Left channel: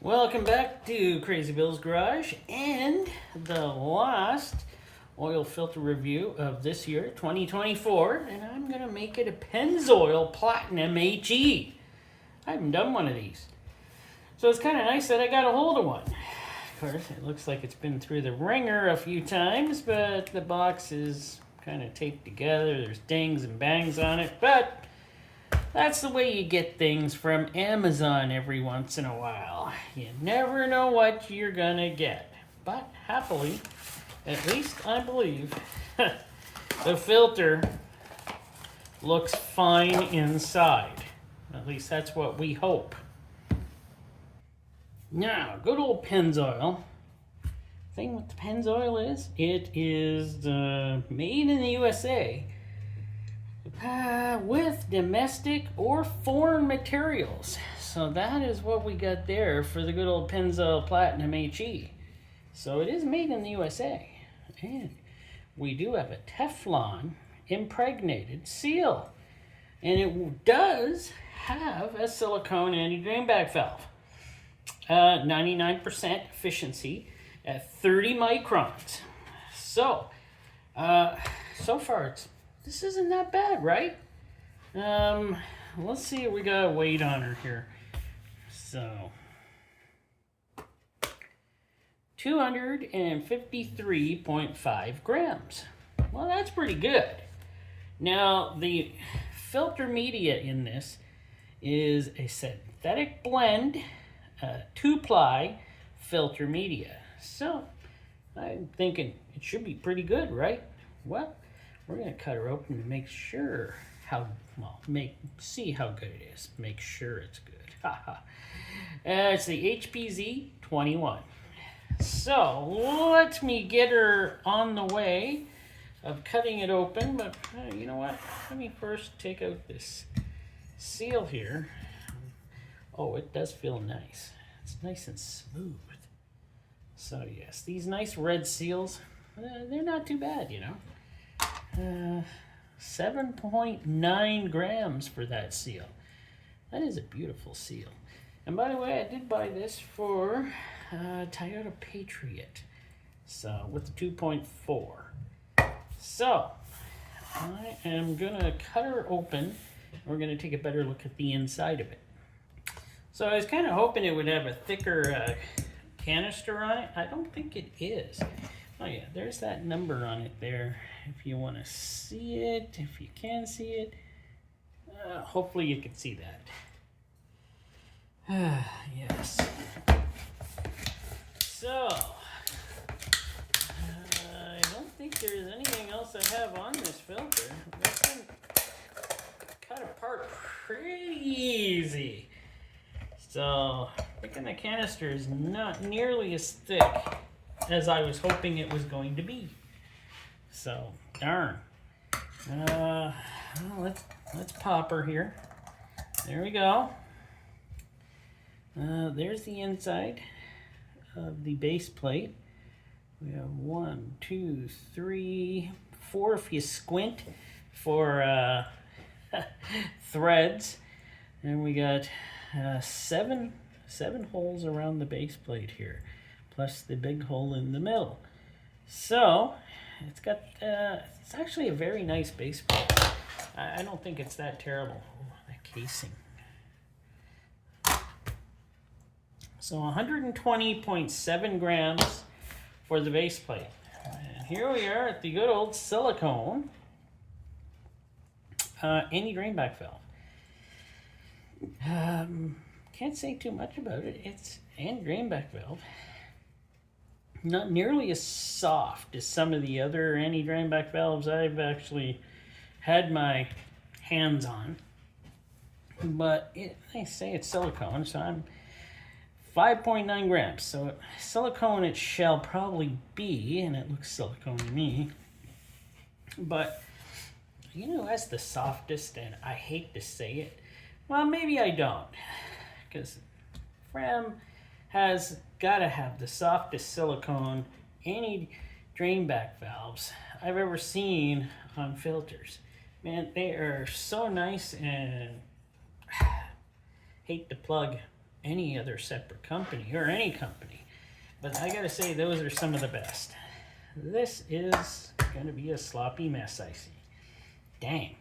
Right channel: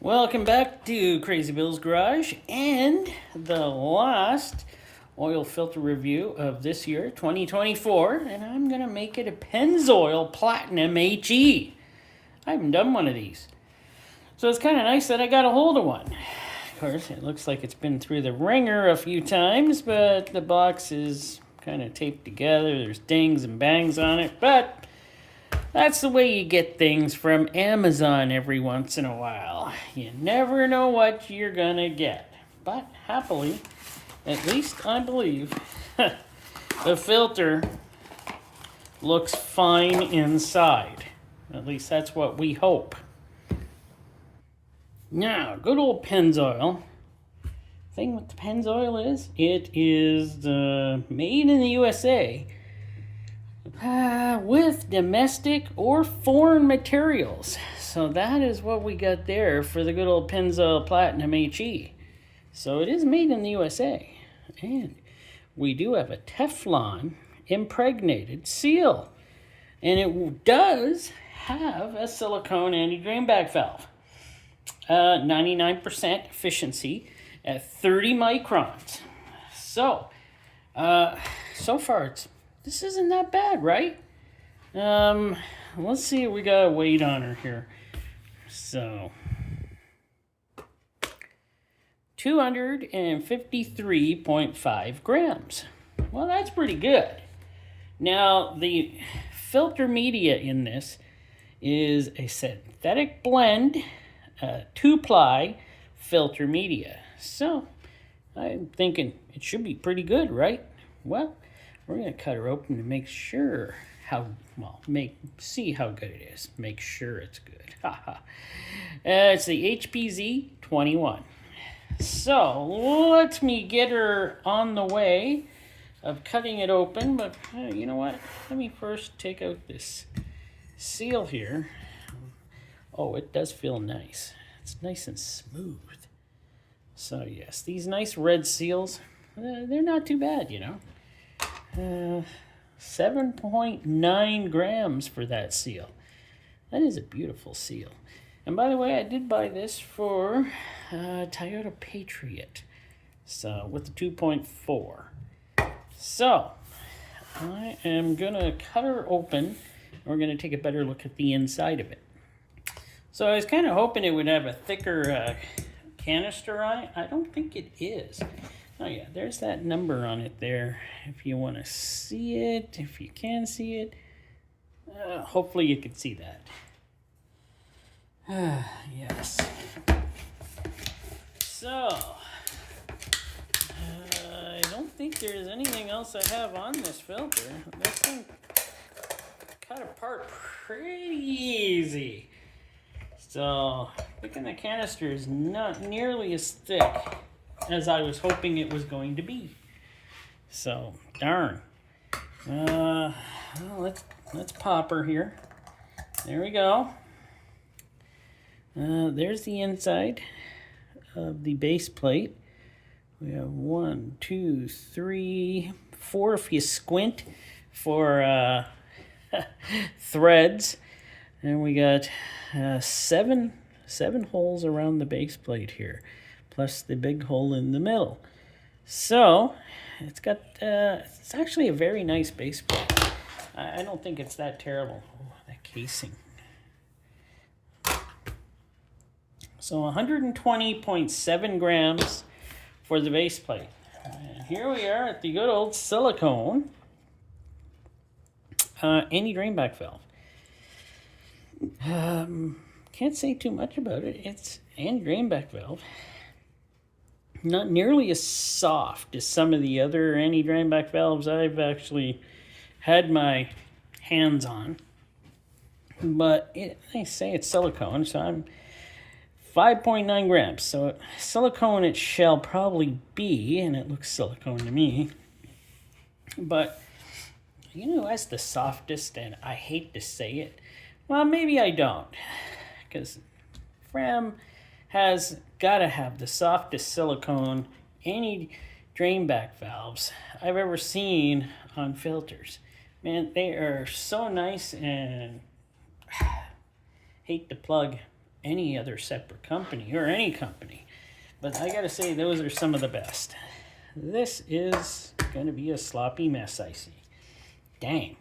Welcome back to Crazy Bill's Garage and the last oil filter review of this year, 2024. And I'm going to make it a Pennzoil Platinum HE. I haven't done one of these. So it's kind of nice that I got a hold of one. Of course, it looks like it's been through the ringer a few times, but the box is kind of taped together. There's dings and bangs on it, but that's the way you get things from Amazon every once in a while. You never know what you're gonna get. But happily, at least I believe, the filter looks fine inside. At least that's what we hope. Now, good old Pennzoil. Thing with the Pennzoil is, it is made in the USA. With domestic or foreign materials. So that is what we got there for the good old Pennzoil Platinum HE. So it is made in the USA. And we do have a Teflon impregnated seal. And it does have a silicone anti-drainback valve. 99% efficiency at 30 microns. So, so far this isn't that bad, right? Let's see, we got a weight on her here. So, 253.5 grams. Well, that's pretty good. Now, the filter media in this is a synthetic blend, 2-ply filter media. So, I'm thinking it should be pretty good, right? Well, we're going to cut her open to make sure see how good it is. Make sure it's good. It's the HPZ 21. So let me get her on the way of cutting it open. But you know what? Let me first take out this seal here. Oh, it does feel nice. It's nice and smooth. So yes, these nice red seals, they're not too bad, you know. 7.9 grams for that seal. That is a beautiful seal. And by the way, I did buy this for Toyota Patriot. So with the 2.4. So I am gonna cut her open. We're gonna take a better look at the inside of it. So I was kind of hoping it would have a thicker canister on it. I don't think it is. Oh yeah, there's that number on it there. If you want to see it, if you can see it, hopefully you can see that. Yes. So, I don't think there's anything else I have on this filter. This thing cut apart pretty easy. So, picking the canister is not nearly as thick as I was hoping it was going to be. So, darn. Well, let's pop her here. There we go. There's the inside of the base plate. We have 1, 2, 3, 4 if you squint for threads. And we got seven holes around the base plate here, plus the big hole in the middle. So it's got it's actually a very nice base plate. I don't think it's that terrible. Oh, that casing. So 120.7 grams for the base plate. And here we are at the good old silicone anti-drainback valve. Can't say too much about it. It's anti-drainback valve. Not nearly as soft as some of the other anti-drainback valves I've actually had my hands on. But they say it's silicone, so I'm 5.9 grams. So silicone it shall probably be, and it looks silicone to me. But you know, as the softest, and I hate to say it, well, maybe I don't, because Fram has got to have the softest silicone anti-drainback valves I've ever seen on filters. Man, they are so nice, and hate to plug any other separate company or any company. But I gotta say, those are some of the best. This is gonna be a sloppy mess, I see. Dang.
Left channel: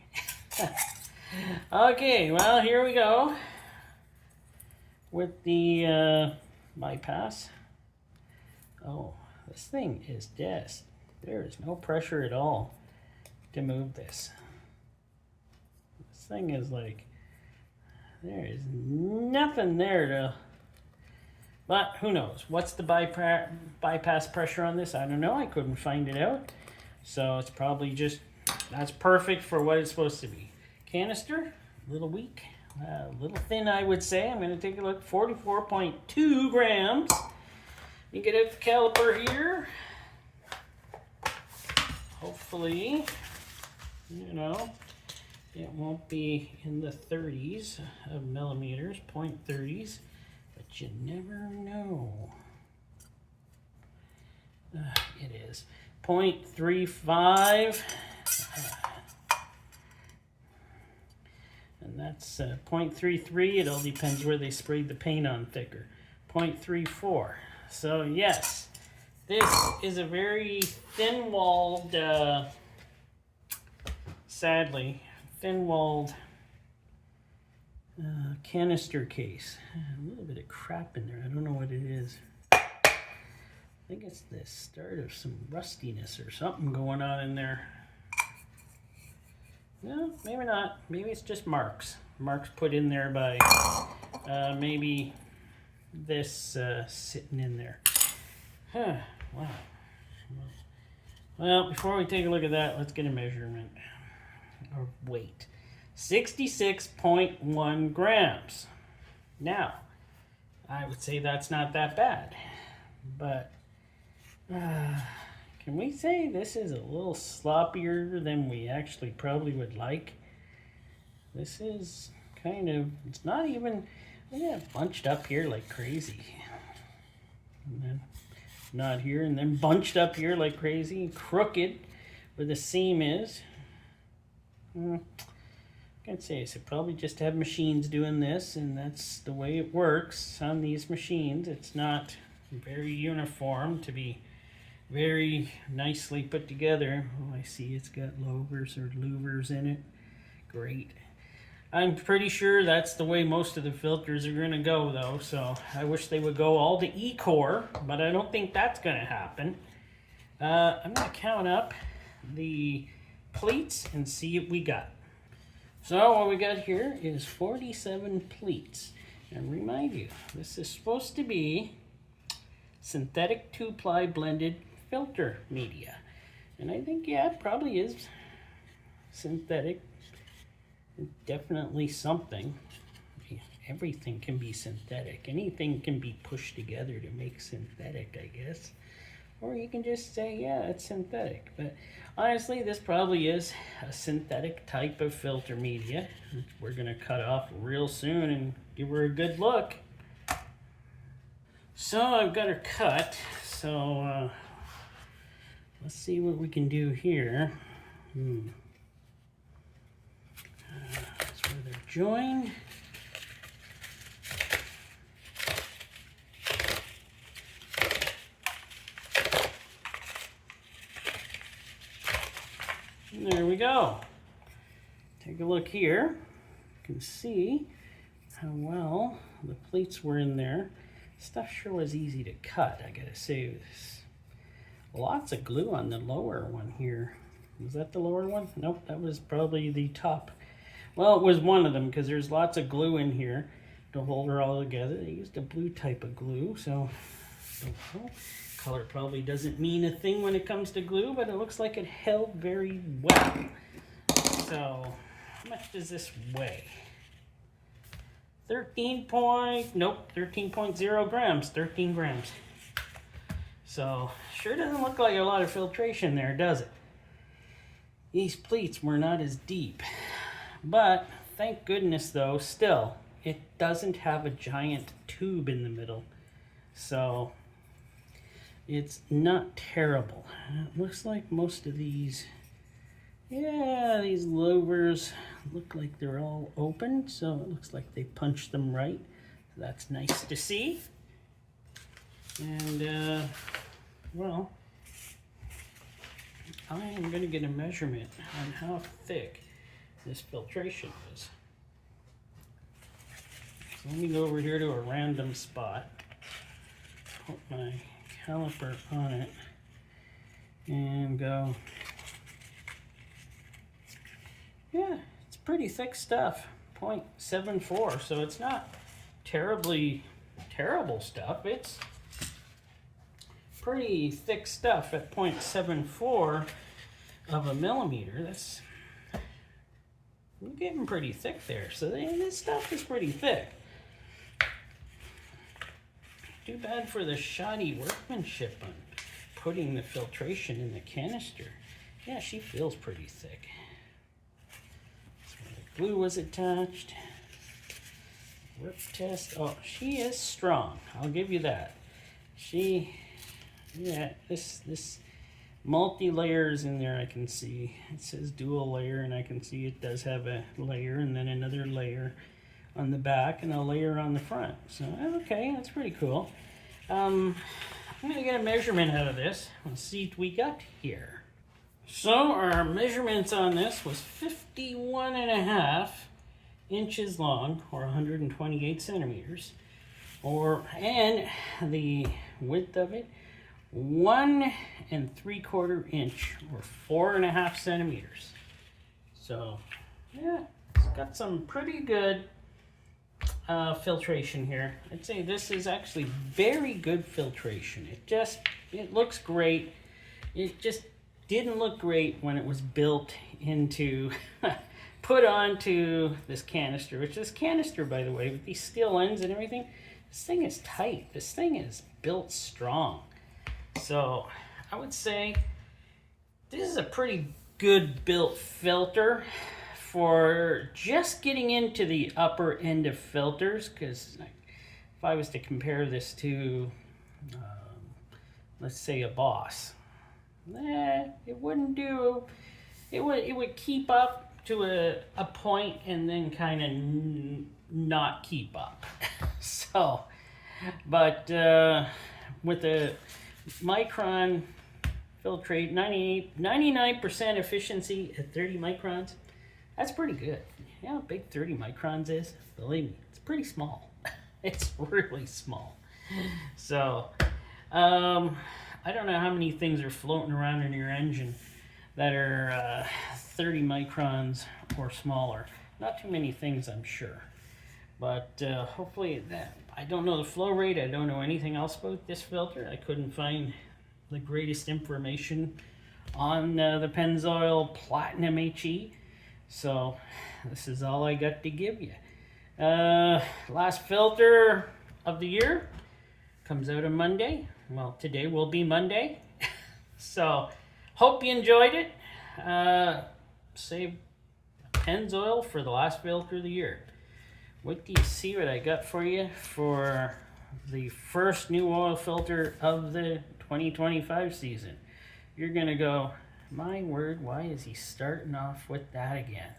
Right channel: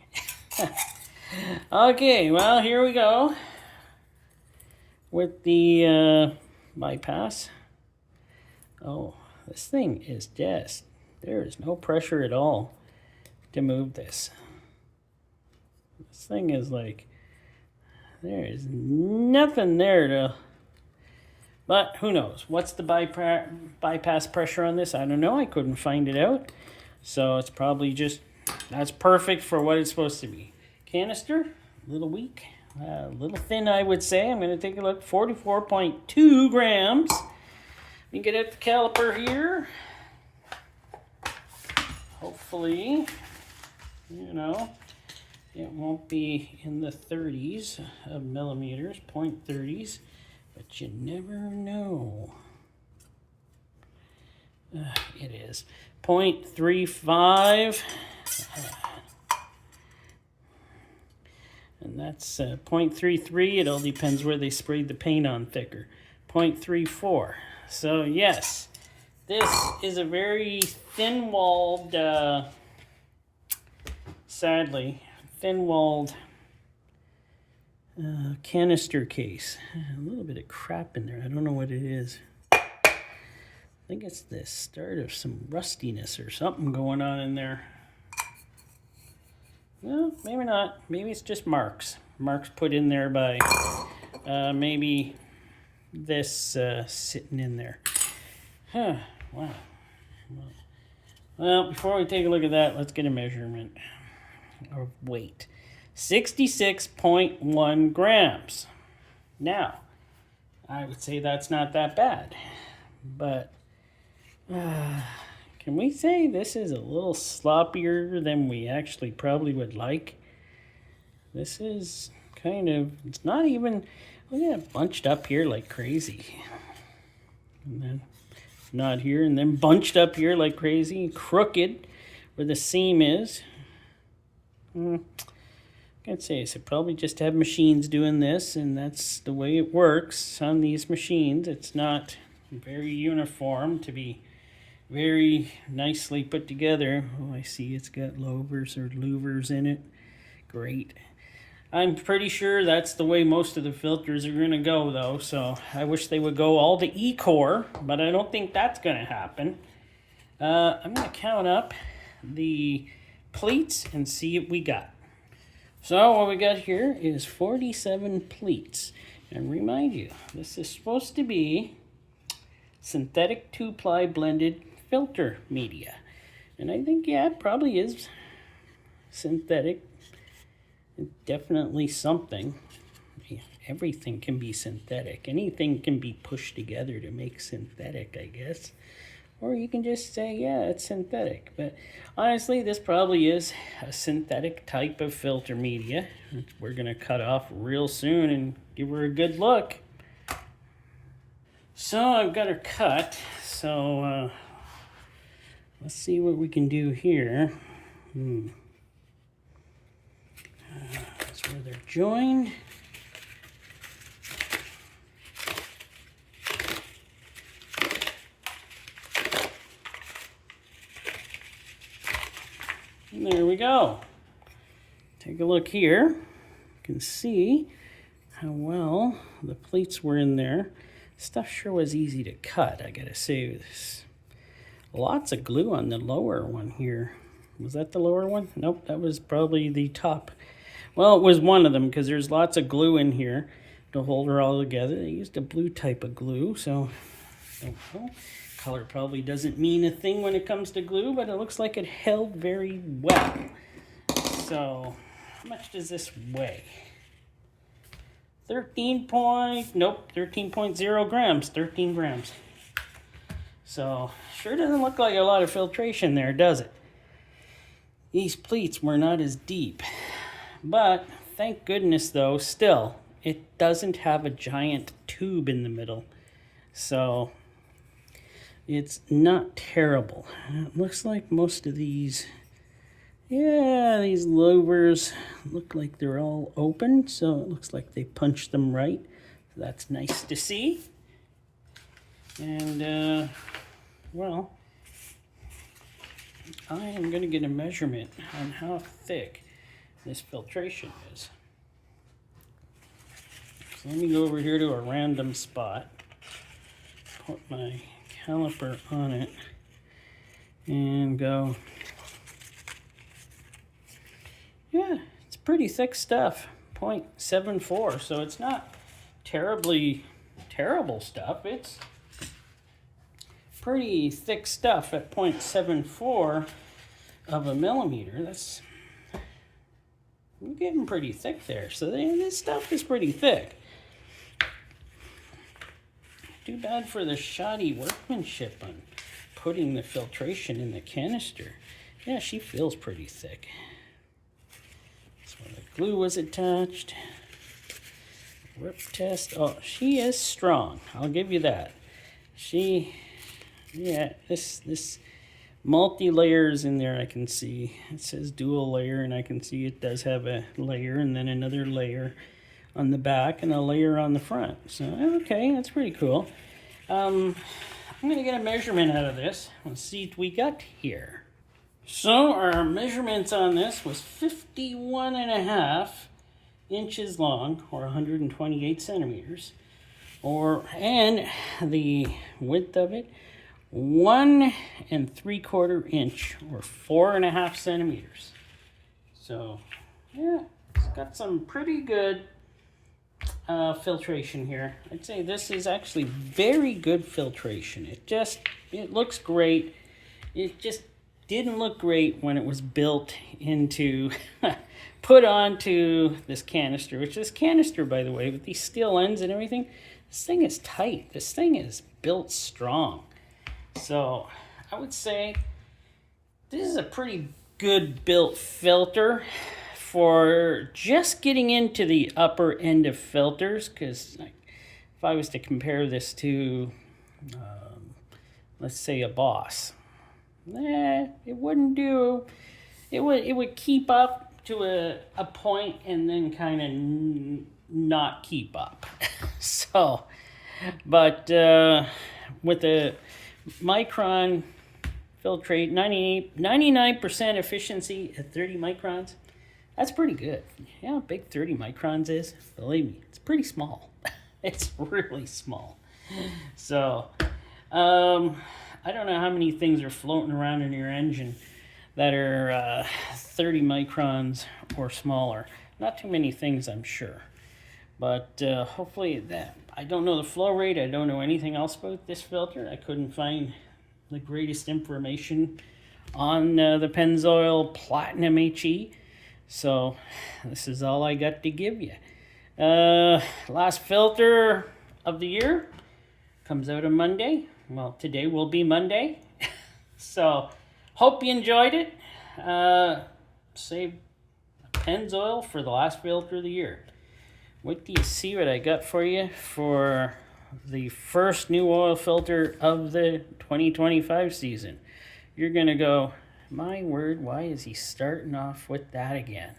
Okay, well, here we go with the bypass. Oh, this thing is just, there is no pressure at all to move this. This thing is like, there is nothing there to, but who knows? What's the bypass pressure on this? I don't know. I couldn't find it out. So it's probably just, that's perfect for what it's supposed to be. Canister, a little weak, a little thin, I would say. I'm going to take a look. 44.2 grams. You get out the caliper here. Hopefully, you know, it won't be in the 30s of millimeters, 0.30s, but you never know. It is 0.35, and that's 0.33. It all depends where they sprayed the paint on thicker. 0.34. So yes, this is a very thin-walled, sadly, thin-walled canister case. A little bit of crap in there. I don't know what it is. I think it's the start of some rustiness or something going on in there. No, maybe not. Maybe it's just marks. Marks put in there by maybe this sitting in there. Huh. Wow. Well, before we take a look at that, let's get a measurement of weight. 66.1 grams. Now, I would say that's not that bad, but can we say this is a little sloppier than we actually probably would like? This is kind of, it's not even, look at it bunched up here like crazy. And then not here, and then bunched up here like crazy, crooked where the seam is. I can't say, so probably just have machines doing this, and that's the way it works on these machines. It's not very uniform to be very nicely put together. Oh, I see it's got louvers or louvers in it. Great. I'm pretty sure that's the way most of the filters are going to go, though, so I wish they would go all to E-core, but I don't think that's going to happen. I'm going to count up the pleats and see what we got. So what we got here is 47 pleats. And remind you, this is supposed to be synthetic 2-ply blended filter media. And I think, yeah, it probably is synthetic. Definitely something. Everything can be synthetic. Anything can be pushed together to make synthetic, I guess. Or you can just say, yeah, it's synthetic. But honestly, this probably is a synthetic type of filter media. We're going to cut off real soon and give her a good look. So I've got her cut. So let's see what we can do here. That's where they're joined. And there we go. Take a look here. You can see how well the pleats were in there. Stuff sure was easy to cut, I gotta say. This. Lots of glue on the lower one here. Was that the lower one? Nope, that was probably the top. Well, it was one of them because there's lots of glue in here to hold her all together. They used a blue type of glue, so color probably doesn't mean a thing when it comes to glue, but it looks like it held very well. So, how much does this weigh? 13.0 grams, 13 grams. So, sure doesn't look like a lot of filtration there, does it? These pleats were not as deep. But, thank goodness though, still, it doesn't have a giant tube in the middle. So, it's not terrible. It looks like most of these, yeah, these louvers look like they're all open. So, it looks like they punched them right. That's nice to see. And, well, I am going to get a measurement on how thick this filtration is. So let me go over here to a random spot, put my caliper on it, and go, yeah, it's pretty thick stuff, 0.74, so it's not terribly terrible stuff. It's pretty thick stuff at 0.74 of a millimeter. That's, we're getting pretty thick there. So this stuff is pretty thick. Too bad for the shoddy workmanship on putting the filtration in the canister. Yeah, she feels pretty thick. That's where the glue was attached. Rip test. Oh, she is strong. I'll give you that. Yeah, this multi-layers in there I can see. It says dual layer, and I can see it does have a layer and then another layer on the back and a layer on the front. So, okay, that's pretty cool. I'm going to get a measurement out of this. Let's see what we got here. So, our measurements on this was 51.5 inches long, or 128 centimeters. And the width of it, 1 3/4 inch, or 4.5 centimeters. So, yeah, it's got some pretty good filtration here. I'd say this is actually very good filtration. It looks great. It just didn't look great when it was built into, put onto this canister, which this canister, by the way, with these steel ends and everything, this thing is tight. This thing is built strong. So I would say this is a pretty good built filter for just getting into the upper end of filters, because if I was to compare this to, let's say, a Boss, it wouldn't do. It would keep up to a point and then kind of not keep up. So, but with the micron filtrate, 99% efficiency at 30 microns, that's pretty good. You know how big 30 microns is? Believe me, it's pretty small. It's really small. So, I don't know how many things are floating around in your engine that are 30 microns or smaller. Not too many things, I'm sure. But hopefully that, I don't know the flow rate. I don't know anything else about this filter. I couldn't find the greatest information on the Pennzoil Platinum HE. So this is all I got to give you. Last filter of the year comes out on Monday. Well, today will be Monday. So hope you enjoyed it. Save Pennzoil for the last filter of the year. Wait till you see what I got for you for the first new oil filter of the 2025 season. You're going to go, my word, why is he starting off with that again?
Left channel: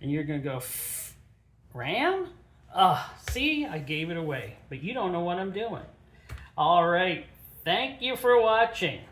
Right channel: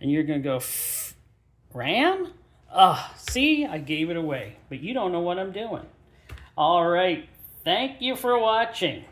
And you're going to go, Ram? See, I gave it away, but you don't know what I'm doing. All right, thank you for watching.